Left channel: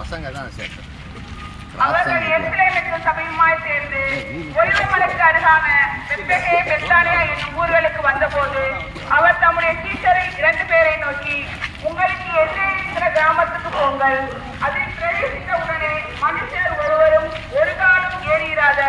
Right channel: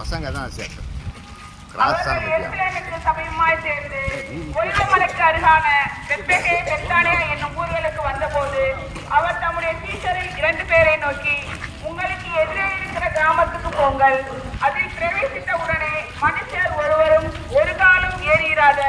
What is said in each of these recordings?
பசங்க தான் சேர்த்து சபையுமாய் சேர்ந்து ஒளிமலைக்கு அருகான பெத்தகே பெத்தானியா என்னும் ஊர்களுக்கு வந்தபோது அவர் தம்முடைய டீச்சரை 2 பேரை நோக்கி, உங்களுக்கு எதிரே இருக்கிற கிராமத்துக்கு போங்கள். அதில் பிரவேசித்த உடனே மனுஷர் ஒருவரும் ஒரு காலம் ஏறியிராத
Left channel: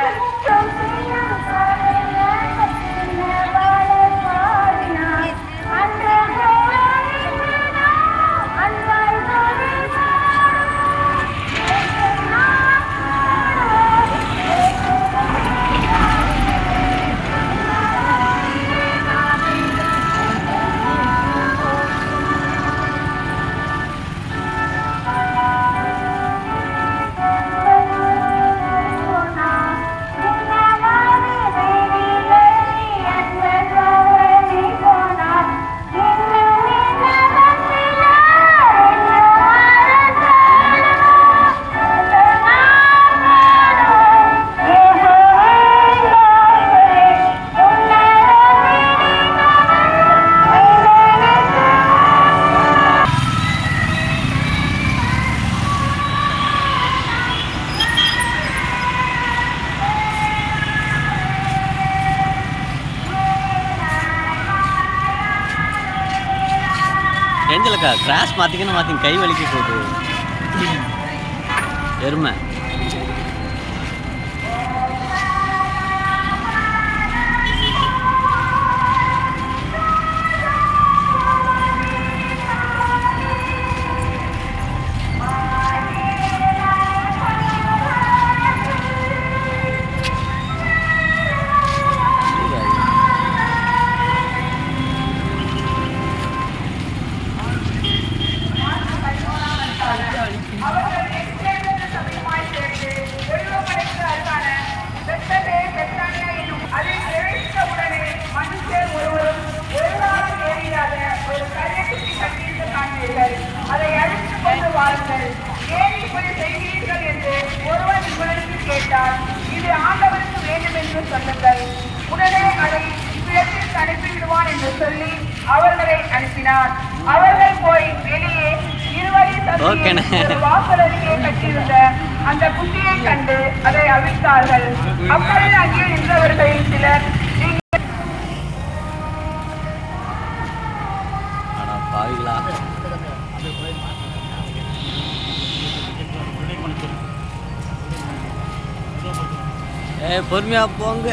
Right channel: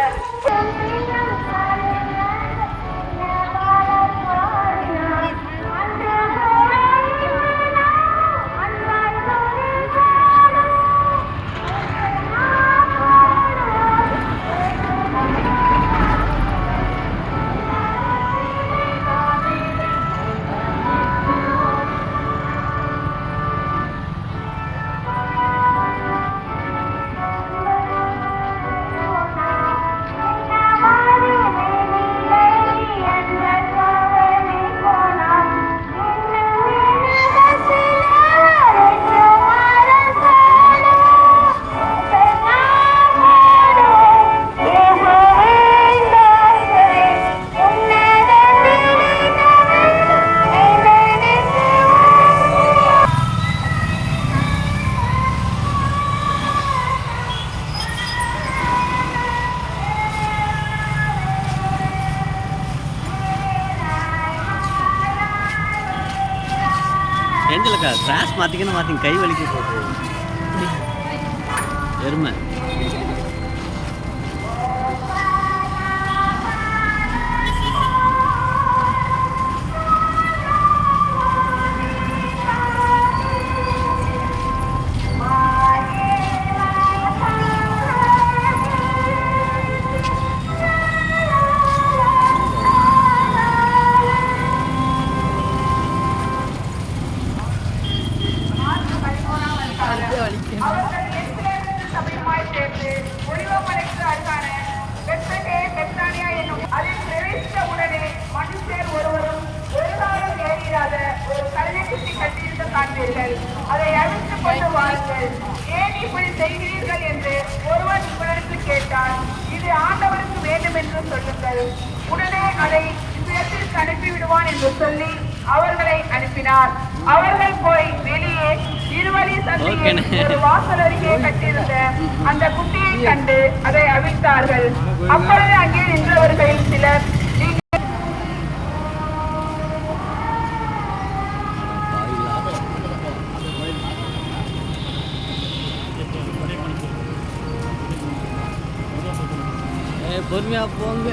ஏஞ்சலக்கா கிராஸ் மாற்றிக்கணும் கை வலிக்க போகுது எருமை. அதை அழித்துக் கொண்டு வாருங்கள். ஏன் இப்படி செய்கிறீர்கள் என்று ஒருவன் உங்களுக்கு கேட்டால், இது ஆண்டவருக்கு வேண்டும் என்று சொல்லுங்கள். உடனே அதை இடத்திற்கு அனுப்பிவிடுவான் என்று சொல்லி அவர்களை அனுப்பினார். அவர்கள் போய் வெளியே இருவழி வாசல் அருகே கட்டியிருந்த அந்த குட்டியை கண்டு அதை அவிழ்த்தார்கள். அப்பொழுது அங்கே நின்றவர்களில் சிலர், பாவிகளா, பொறுமையா போங்க.